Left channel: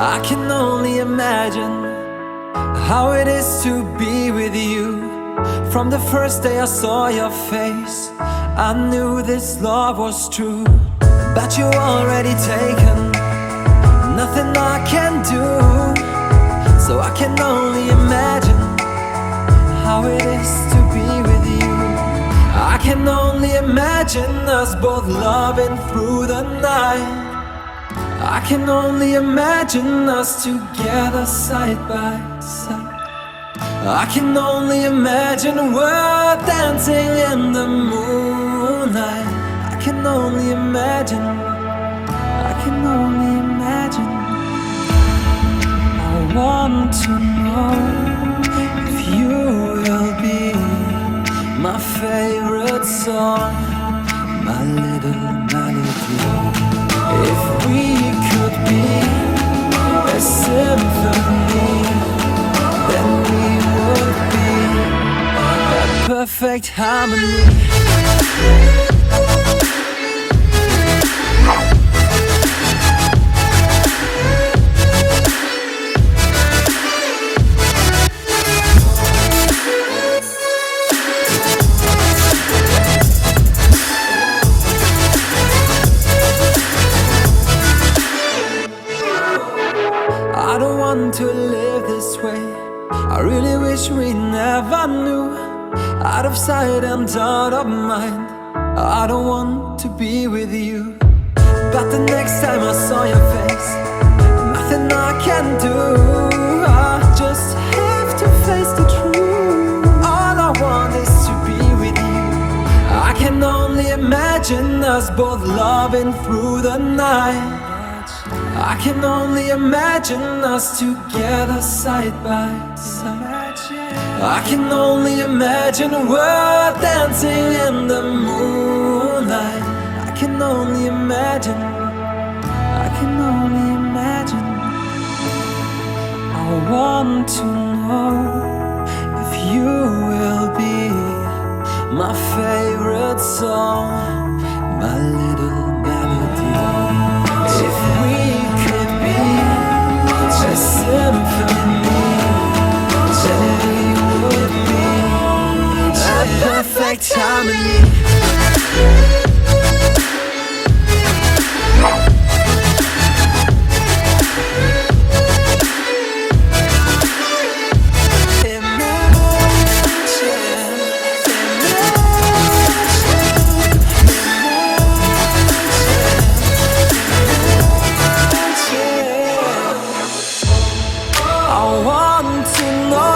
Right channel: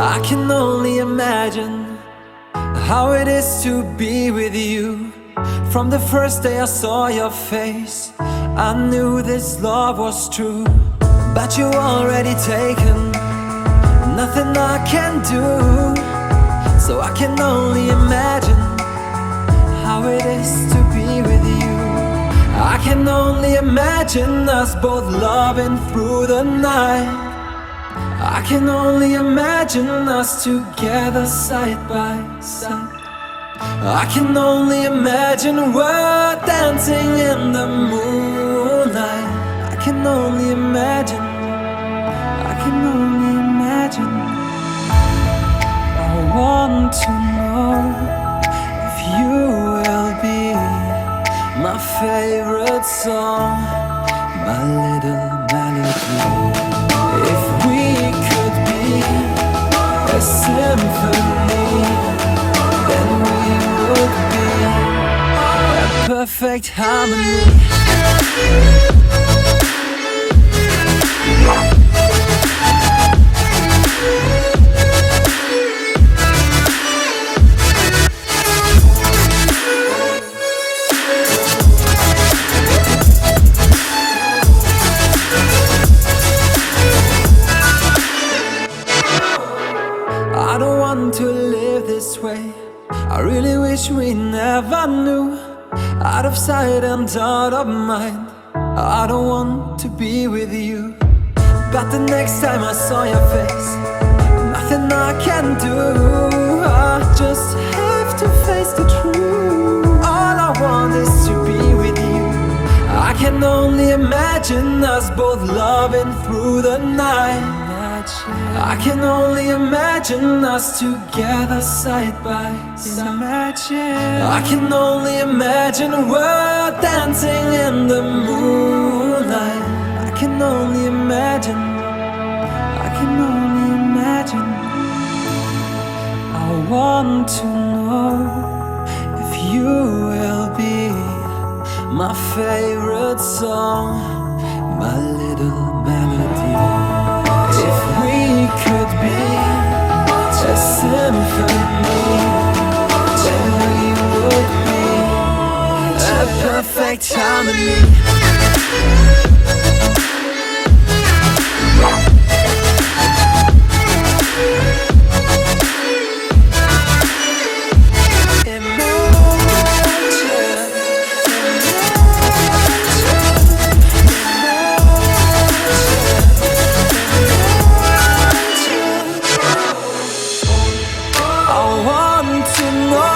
I can only imagine how it is to be with you. From the first day I saw your face, I knew this love was true. But you already taken, nothing I can do. So I can only imagine how it is to be with you. I can only imagine us both loving through the night. I can only imagine us together side by side. I can only imagine we're dancing in the moonlight. I can only imagine, I can only imagine. I want to know if you will be my favorite song, my little melody. If we could be a symphony, then we would be a perfect harmony. I don't want to live this way. I really wish we never knew. Out of sight and out of mind, I don't want to be with you. But the next time I saw your face, nothing I can do. I just have to face the truth. All I want is to be with you. I can only imagine us both loving through the night. I can only imagine us together side by side. I can only imagine we're dancing in the moonlight. I can only imagine, I can only imagine. I want to know if you will be my favorite song, my little melody. If we could be a symphony, then we would be a perfect harmony. I want to know